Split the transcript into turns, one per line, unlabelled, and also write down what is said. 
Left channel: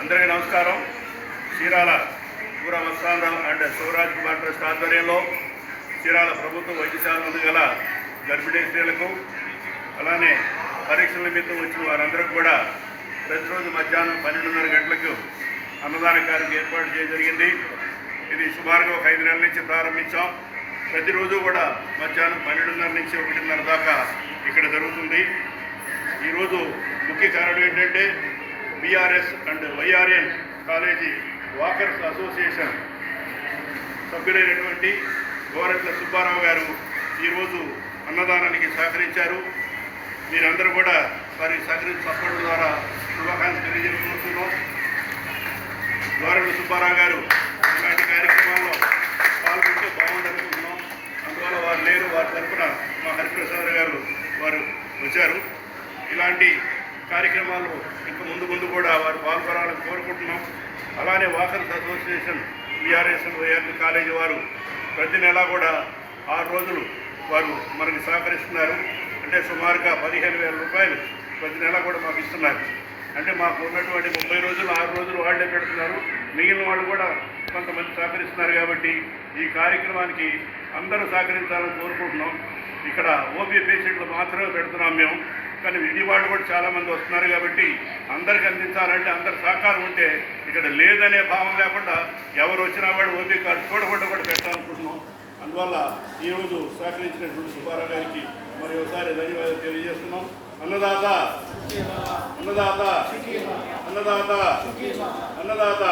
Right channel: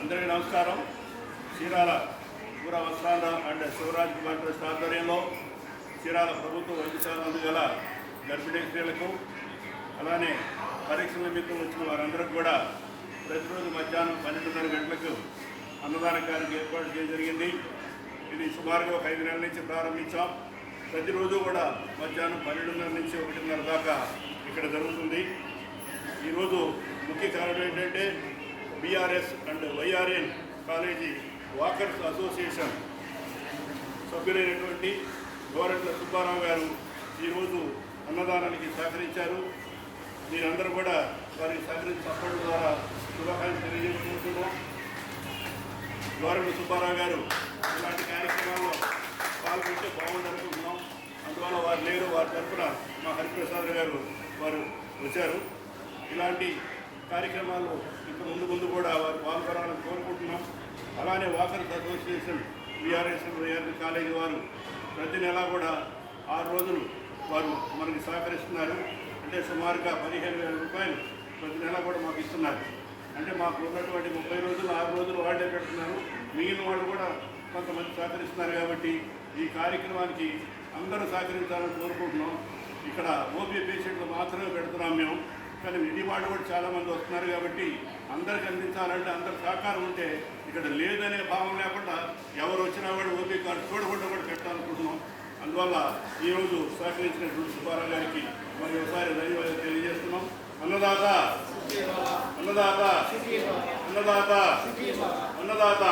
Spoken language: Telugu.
అందరికీ నమస్కారం. చీరాల పూరా వస్తాంధ్రం అండ్ శివరాజ్ కుమార్ ట్రస్ట్ ఆధ్వర్యంలో చీరాల ప్రభుత్వ వైద్యశాల గల గర్భిణీ స్త్రీలకు అలానే పరీక్షల నిమిత్తం వచ్చిన వారందరికీ కూడా ప్రతిరోజు మధ్యాహ్నం పన్నెండున్నర గంటలకు అన్నదాన కార్యక్రమం ఏర్పాటు చేయడం జరిగింది. ఇది సుమారుగా ఒక ఐదు నెలల నుంచి ప్రారంభించాం. ప్రతిరోజు కూడా మధ్యాహ్నం పన్నెండున్నర నుంచి ఒకటిన్నర దాకా ఇక్కడ జరుగుతుంది. ఈరోజు ముఖ్య కారణం ఏంటంటే BRS and YRN college walkers association సభ్యులైనటువంటి Goretla Subbarao గారు ఈరోజు అన్నదానానికి సహకరించారు. మీరందరూ కూడా వారి సహకరించి సపోర్ట్ ద్వారా శుభాకాంక్షలు తెలియజేసుకుంటున్నాం. గోరెట్ల సుబ్బారావు గారు ఇలాంటి కార్యక్రమాల్లో పాల్గొంటే బాగుందనుకుంటున్నాం. అందువల్ల వారు లేరు. వారి తరఫున మా హరిప్రసాద్ గారు వారు వచ్చారు. ఇలాంటి కార్యక్రమాలు ఇంకా ముందు ముందు కూడా వారు పాల్గొనాలని కోరుకుంటున్నాం. అలానే walkers association VRS YRL college వారు ప్రతి నెల కూడా ఆరు రోజులు వారు మనకి సహకరిస్తున్నారు. అంటే సుమారుగా పదిహేను వేల రూపాయలు ప్రతి నెల కూడా మాకు ఇస్తున్నారు. అంటే మాకు ఉన్నటువంటి ముప్పై రోజులు ఆరు రోజులు వాళ్ళే పెడుతున్నారు. మిగిలిన వాళ్ళు కూడా కొంతమంది సహకరిస్తున్నారు కాబట్టి ఈ కార్యక్రమానికి అందరూ సహకరించాలని కోరుకుంటున్నాం. ఇక్కడ ఓపీ పేషెంట్లు మాత్రమే పెడుతున్నాం మేము. కానీ విజయవాడ కూడా చాలామంది వస్తున్నారు కాబట్టి అందరికి అందించాలంటే అందరి సహకారం ఉంటే ఇక్కడ లేదనే భావం లేకుండా ఎవరు వచ్చినా కూడా ఓపీ కార్డు చూడకుండా కూడా పెట్టాలనుకుంటున్నాం. అందువల్ల ఈరోజు సహకరించినటువంటి సుబ్బారావు గారికి మరి ఒకసారి ధన్యవాదాలు తెలియజేస్తున్నాం. అన్నదాత అన్నదాత అన్నదాత అన్నదాత